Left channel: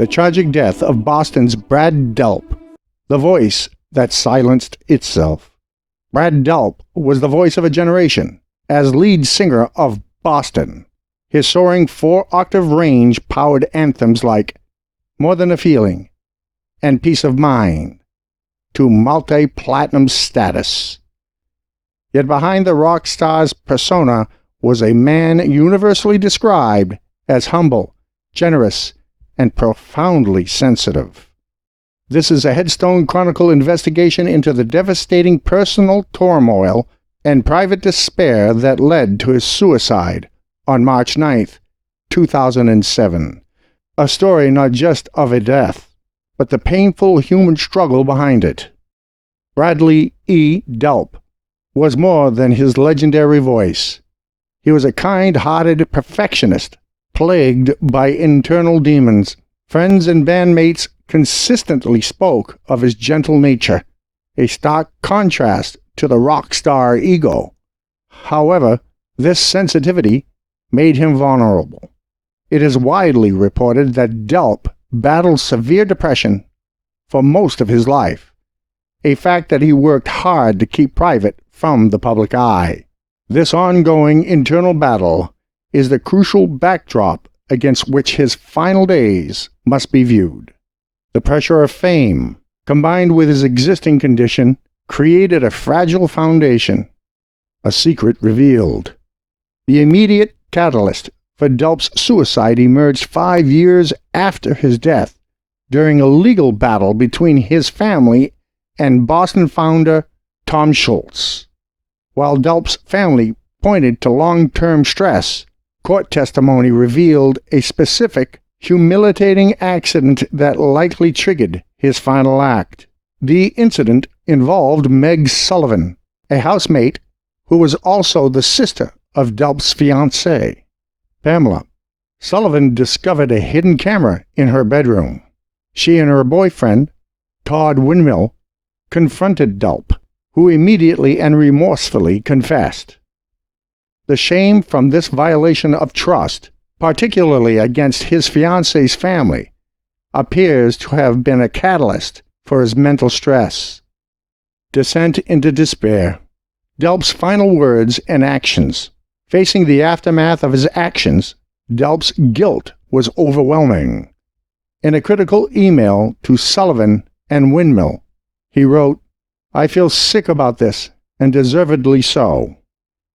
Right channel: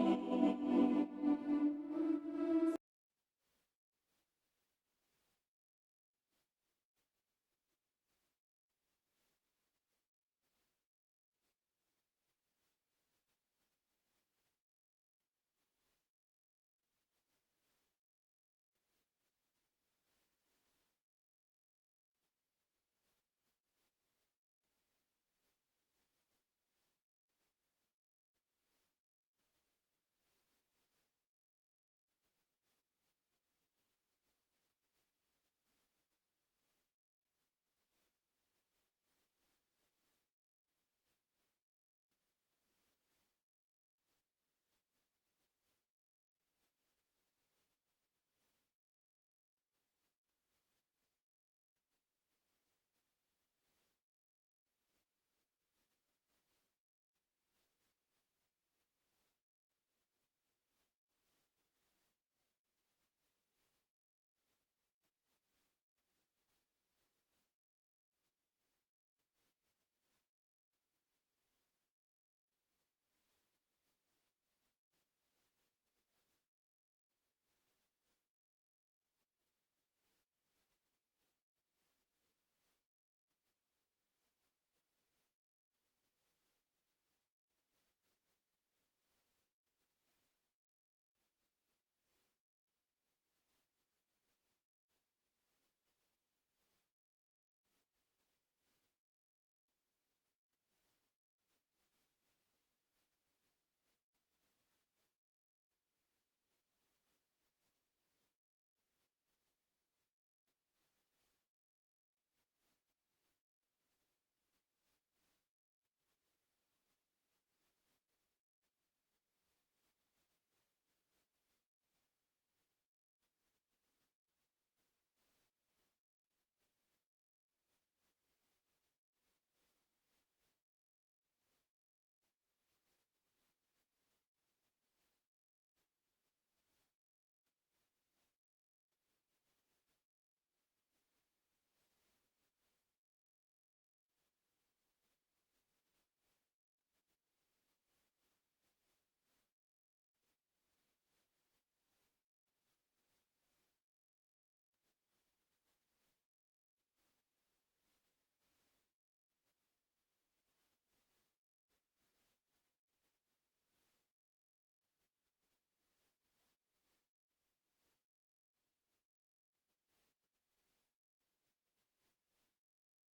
The tragic death of Boston's Brad Delp, the voice that silenced itself. Brad Delp was the voice of a generation as lead singer of Boston. His soaring 4-octave range powered anthems like More Than a Feeling and Peace of Mind to multi-platinum status. Yet behind the rock star's persona was a man universally described as humble, generous, and profoundly sensitive. This is a Headstone Chronicle investigation into the devastating personal turmoil and private despair that led to his suicide on March 9th, 2007. A story not just of a death, but the painful human struggle behind it. Bradley E. Delp was more than his legendary voice. He was a kind-hearted perfectionist, plagued by internal demons. Friends and bandmates consistently spoke of his gentle nature, a stark contrast to the rock star ego. However, this sensitivity made him vulnerable. It is widely reported that Delp battled severe depression for most of his life, a fact that he worked hard to keep private from the public eye. This ongoing internal battle is the crucial backdrop against which his final days must be viewed. The pressure of fame, combined with his existing condition, created a fragile foundation. A secret revealed. The immediate catalyst for Delp's suicide emerged 5 years after his death, during a legal battle between his family and Boston founder Tom Schultz. While Delp's family pointed to long-term stress, court testimony revealed a specific, humiliating accident that likely triggered his final act. The incident involved Meg Sullivan, a housemate who was also the sister of Delp's fiancée, Pamela. Sullivan discovered a hidden camera in her bedroom. She and her boyfriend, Todd Windmill, confronted Delp, who immediately and remorsefully confessed. The shame from this violation of trust, particularly against his fiancée's family, appears to have been a catalyst for his mental stress. Descent into despair. Delp's final words and actions. Facing the aftermath of his actions, Delp's guilt was overwhelming. In a critical email to Sullivan and Windmill, he wrote, "I feel sick about this, and deservedly so.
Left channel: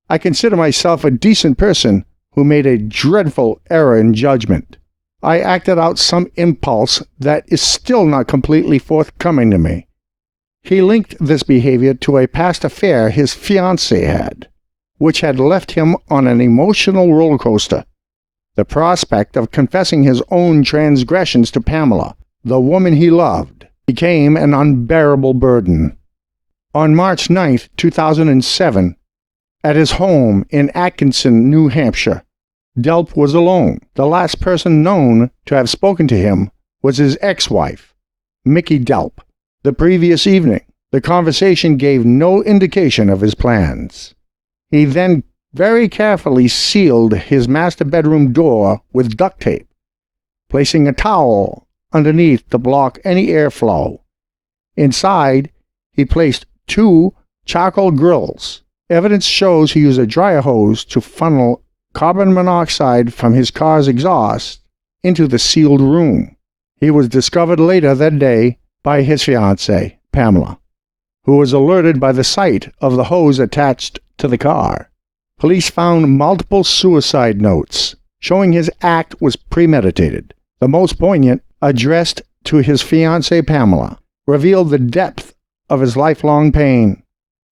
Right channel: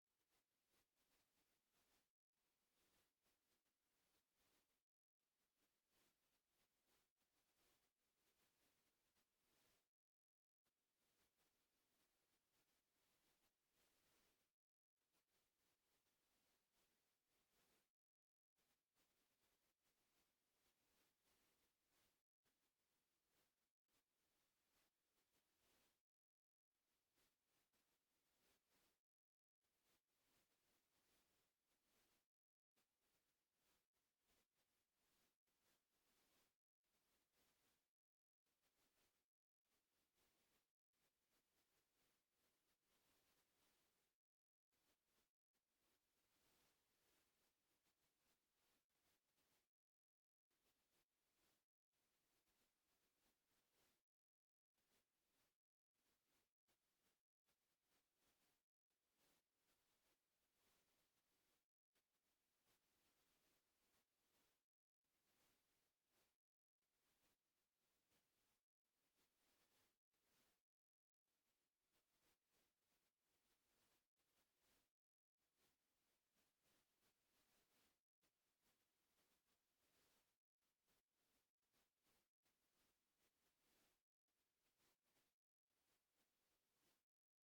I consider myself a decent person who made a dreadful error in judgment. I acted out some impulse that is still not completely forthcoming to me." He linked this behavior to a past affair his fiancée had, which had left him on an emotional roller coaster. The prospect of confessing his own transgressions to Pamela, the woman he loved, became an unbearable burden. On March 9, 2007, at his home in Atkinson, New Hampshire, Delp was alone. The last person known to have spoken to him was his ex-wife, Mickey Delp. The previous evening, the conversation gave no indication of his plans. He then very carefully sealed his master bedroom door with duct tape, placing a towel underneath to block any airflow. Inside, he placed 2 charcoal grills. Evidence shows he used a dryer hose to funnel carbon monoxide from his car's exhaust into the sealed room. He was discovered later that day by his fiancée, Pamela, who was alerted by the sight of the hose attached to the car. Police found multiple suicide notes, showing his act was premeditated. The most poignant, addressed to his fiancée Pamela, revealed the depth of his lifelong pain.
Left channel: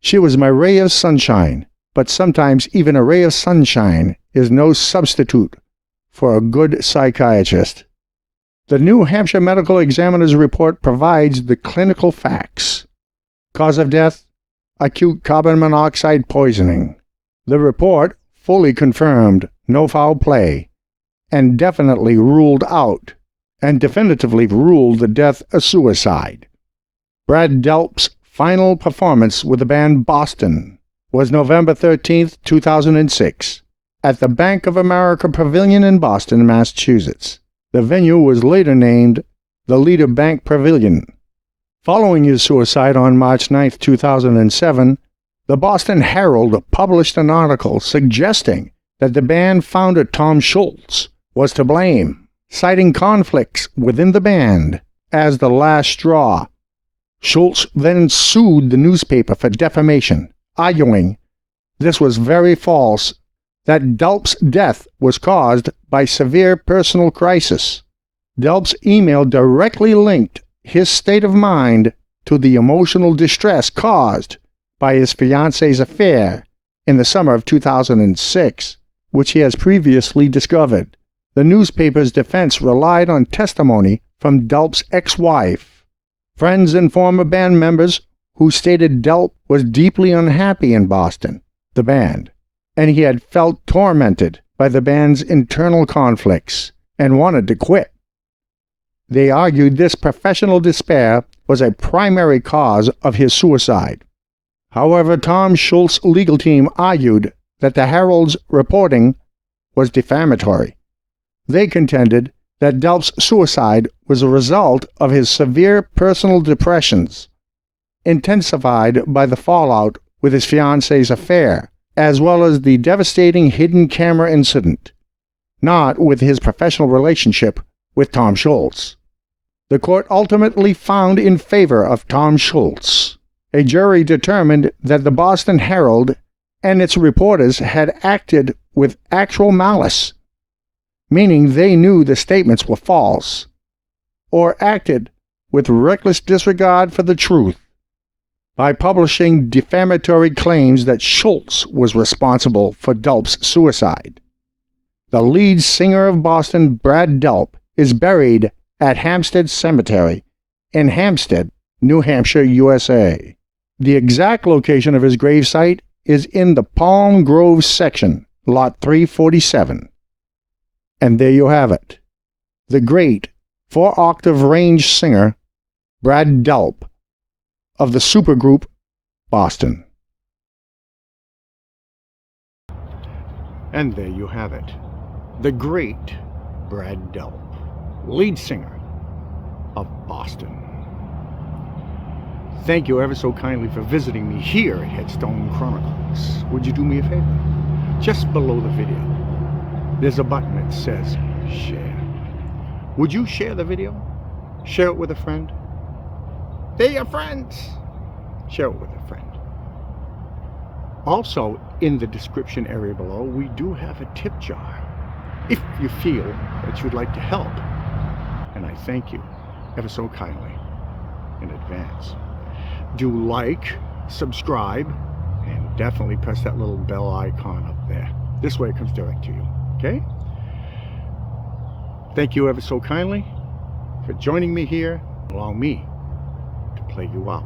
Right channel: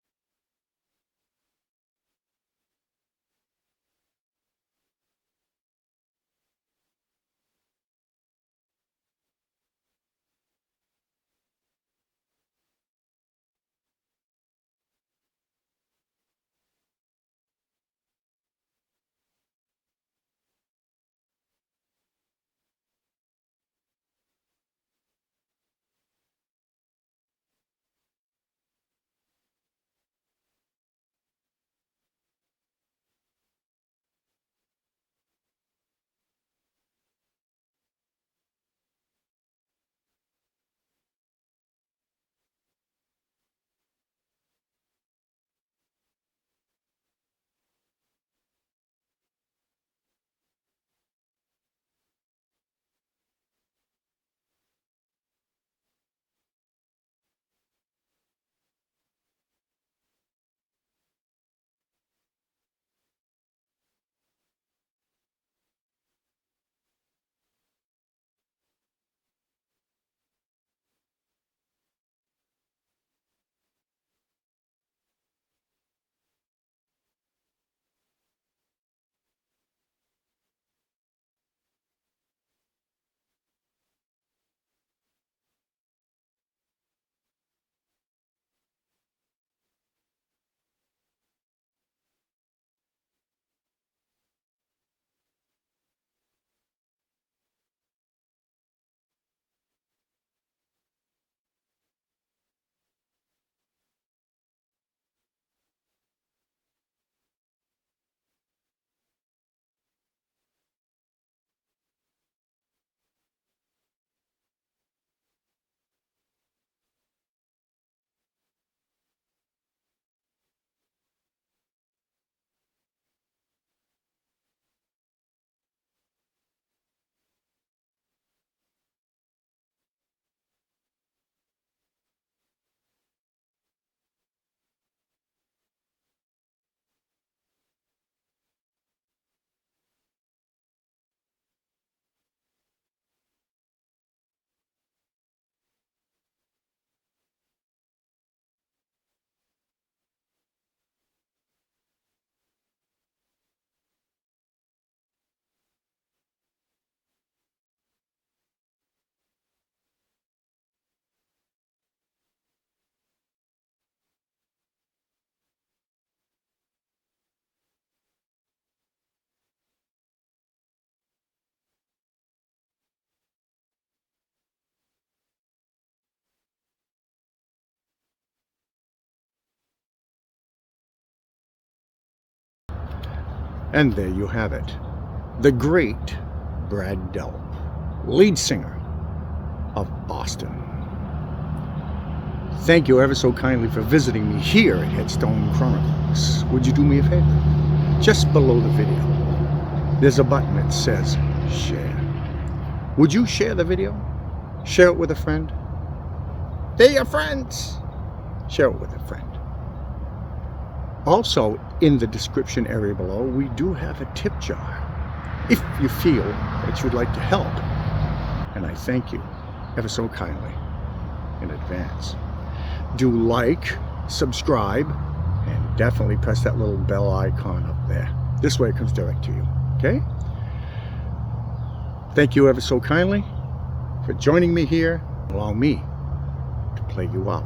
"She was my ray of sunshine, but sometimes even a ray of sunshine is no substitute for a good psychiatrist." The New Hampshire Medical Examiner's report provides the clinical facts. Cause of death: acute carbon monoxide poisoning. The report fully confirmed no foul play, and definitively ruled the death a suicide. Brad Delp's final performance with the band Boston was November 13, 2006, at the Bank of America Pavilion in Boston, Massachusetts. The venue was later named the Leader Bank Pavilion. Following his suicide on March 9, 2007, the Boston Herald published an article suggesting that the band founder Tom Schultz was to blame, citing conflicts within the band as the last straw. Schultz then sued the newspaper for defamation, arguing this was very false, that Delp's death was caused by severe personal crisis. Delp's email directly linked his state of mind to the emotional distress caused by his fiancée's affair in the summer of 2006, which he has previously discovered. The newspaper's defense relied on testimony from Delp's ex-wife, friends and former band members who stated Delp was deeply unhappy in Boston, the band, and he had felt tormented by the band's internal conflicts and wanted to quit. They argued this professional despair was a primary cause of his suicide. However, Tom Schultz's legal team argued that the Herald's reporting was defamatory. They contended that Delp's suicide was a result of his severe personal depressions, intensified by the fallout with his fiancée's affair, as well as the devastating hidden camera incident, not with his professional relationship with Tom Schultz. The court ultimately found in favor of Tom Schultz. A jury determined that the Boston Herald and its reporters had acted with actual malice, meaning they knew the statements were false, or acted with reckless disregard for the truth, by publishing defamatory claims that Schultz was responsible for Delp's suicide. The lead singer of Boston, Brad Delp, is buried at Hampstead Cemetery in Hampstead, New Hampshire, USA. The exact location of his gravesite is in the Palm Grove section, Lot 347. And there you have it. The great 4-octave range singer, Brad Delp, of the supergroup Boston. And there you have it. The great Brad Delp, lead singer of Boston. Thank you ever so kindly for visiting me here at Headstone Chronicles. Would you do me a favor? Just below the video, there's a button that says share. Would you share the video? Share it with a friend? They're your friends. Share it with a friend. Also, in the description area below, we do have a tip jar, if you feel that you'd like to help. And I thank you ever so kindly in advance. Do like, subscribe, and definitely press that little bell icon up there. This way it comes direct to you, okay? Thank you ever so kindly for joining me here. Allow me to play you out.